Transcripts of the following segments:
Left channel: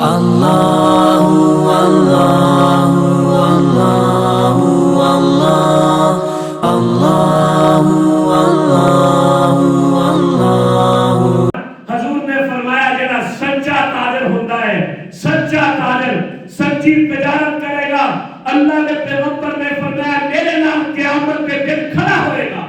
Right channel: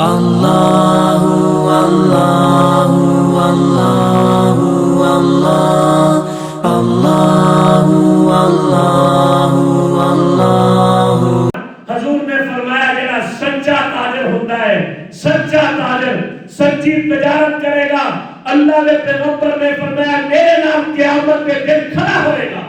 حضور نے فرمایا جڑا سچا تاجر ہوتا ہے، سچا تاجر سچی تجارت کرے گا، اللہ کے پیغمبر نے فرمایا میرے نام قیامت کے دن کھڑا ہوئے گا۔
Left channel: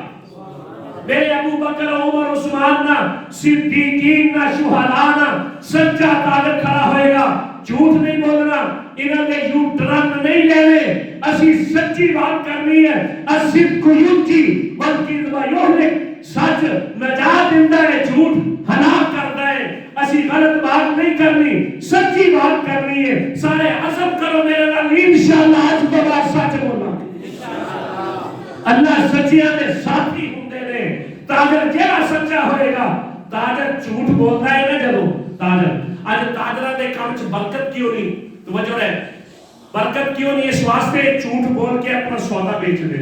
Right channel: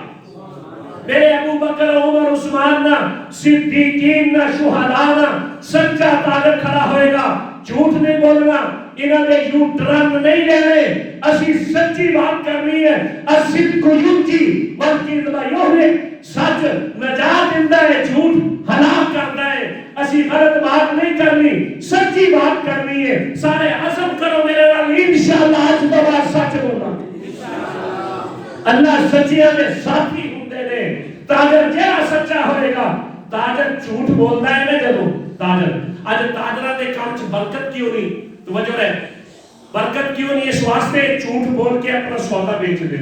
میرے ابو بکر عمر عثمان نہ صدیقین نہ شہداء نہ سچا تاجر کھڑا ہوئے گا۔ جھوٹ نہیں بولنا، انہوں نے یوں ڈرم نہیں لینے، اسی سچی بات کرنی ہے۔ الصدق ینجی والکذب یہلک، سچ نجات دیتا ہے، جھوٹ ہلاک کرتا ہے۔ اسی غلط بات نہیں کرنی، سچی بات کرنی ہے۔ سارے عزم کرو میرے نال انشاءاللہ آج کے بعد سچ بولنا۔ اللہ سچیاں میں ساتھی ہوندے نے۔ تاجر جہاں سچا ہوئے گا، تاجر جھوٹ بولتا ہے نا جدوں تاجر، اج تاجراں دے کام چ برکت کیوں نہیں؟ توجہ ہے، برکت کیوں نہیں؟ اس واسطے جھوٹ بول کے اپنا سودا بیچ دے،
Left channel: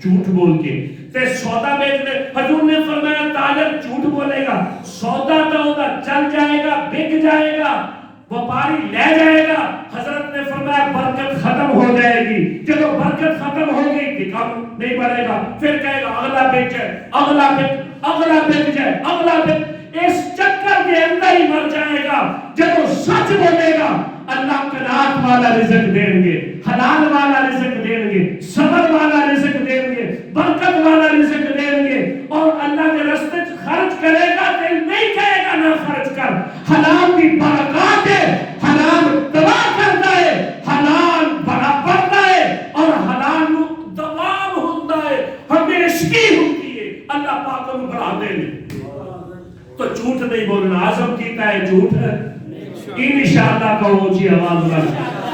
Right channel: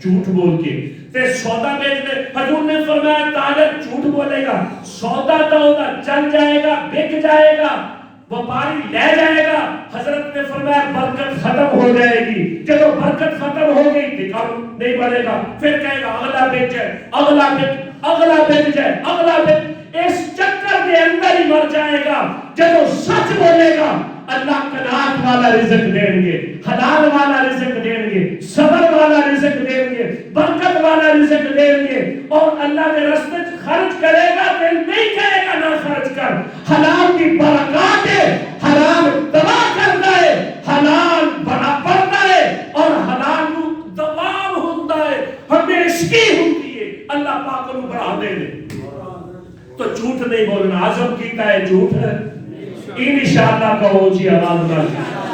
جھوٹ بول کے تے سودا بیچ دے۔ حضور نے فرمایا تاجر جھوٹ بولے گا، سودا تو ہوگا چل جائے گا، بک جائے گا، وپاری لے جائے گا۔ حضرت نے فرمایا برکت ختم ہو جائے گی۔ جب برکت ختم ہو گئی دکھاؤ نہیں بڑھے گا، پھر کہے گا اگلا بیچ جائے، اگلا بیچ جائے، اگلا بیچ۔ اس چکر کے اندر ہی مر جائے گا۔ جب وہ سچ بولے گا اللہ قناعت والا رزق دیں گے، حلال والا رزق دیں گے، صبر والا رزق دیں گے، برکت والا رزق دیں گے، اور اللہ کے راستے خرچ کرے گا، دل نہیں کہے گا نہ خرچ کر۔ حلال کی برکات ہے، حرام تباہ کرتا ہے، حلال بڑا پڑتا ہے، اور حلال دوام ہوتا ہے، ہمیشگی ہوتی ہے، اللہ پاک کو بڑھا دے گے۔ تو جھوٹ نہیں بولنا، عزم کیتا ہے جھوٹ ہے انشاءاللہ کہو جی آواز